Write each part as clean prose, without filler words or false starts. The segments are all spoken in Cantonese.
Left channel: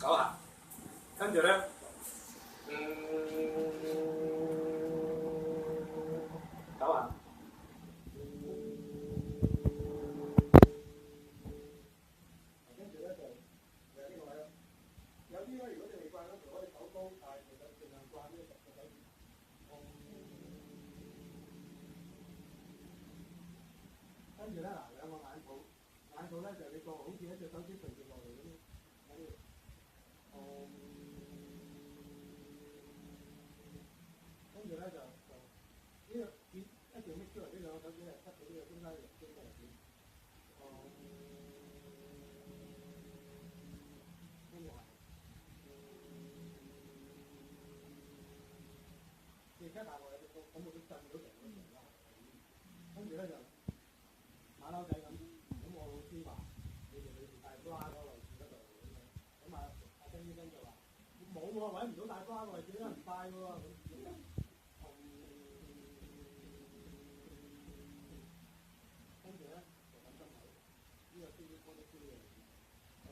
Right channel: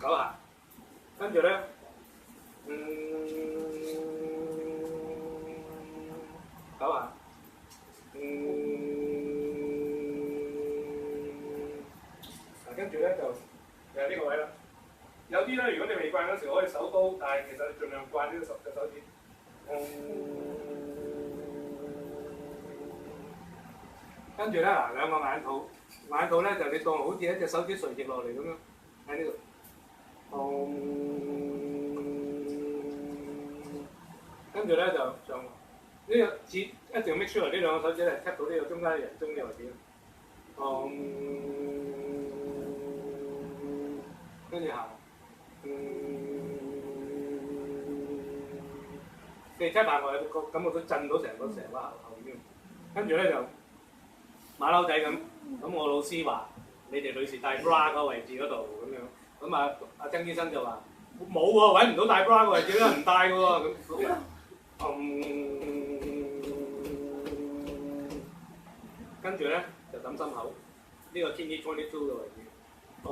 9下，跟住咧，9下，跟住咧就係呢個位啦。有啲咧，如果你未慣嗰時，可以手刀，但係其實你盡量慣呢個手指。跟住咧嗱，兩個眼肚，眼肚咧就你當好似一隻手指垂直落嚟咁樣喺呢度。跟住咧就呢個指一定要 make sure 呢兩個手指咧 tap 到呢個中間嘅人中嘅位置。跟住行。你 tap 下我，感覺到震到成個後邊。跟住咧就馬騮仔咁我老師話你哋女士戴 bra 個位置嗰度咁樣。咁阿曾醫生就話冇喎，揾唔到戴 bra 個位置啦，唔戴嘅喎咁。跟住咧就揼心口，呢個 kidney 22嘅位置。好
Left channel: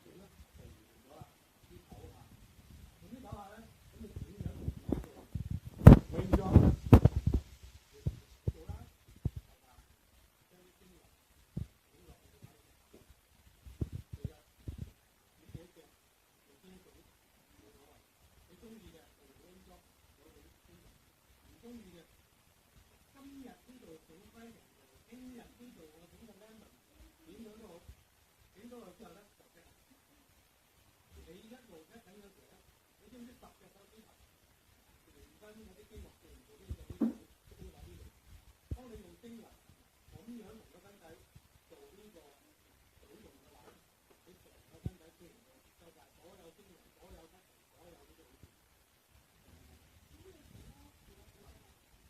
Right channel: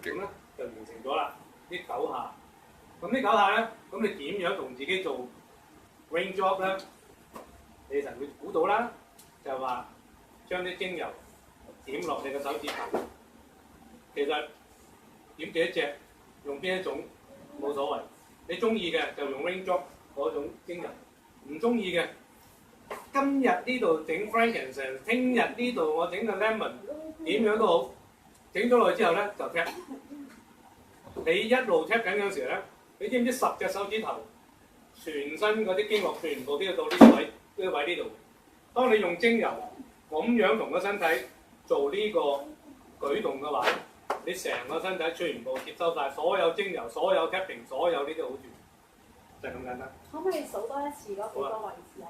勁咧就完成咗啦，呢9下。咁呢9下咧，咁你點樣同自己做 rain job 咧？你就會估到啦，就話將啲精油點落你個手指頭。其實點幾多隻，用邊一種冇所謂。你中意嘅就用 rain job 嗰種精油，唔中意嘅，今日呢度整 frankincense， 聽日呢度我整個 lemon， 點樣都好，整咗落去之後咧就 tap。你一路 tap 緊嗰時咧，你知唔知10隻手指頭，全身嗰啲經絡全部都要到呢個位，呢個位呢度。當你用精油咁樣同個身體做呢個舉動嘅話，你成個身體全部接收晒所有精油、所有 tapping、所有呢啲好處，就係咁簡單。可唔可以數多一次嗰幾個位置啊？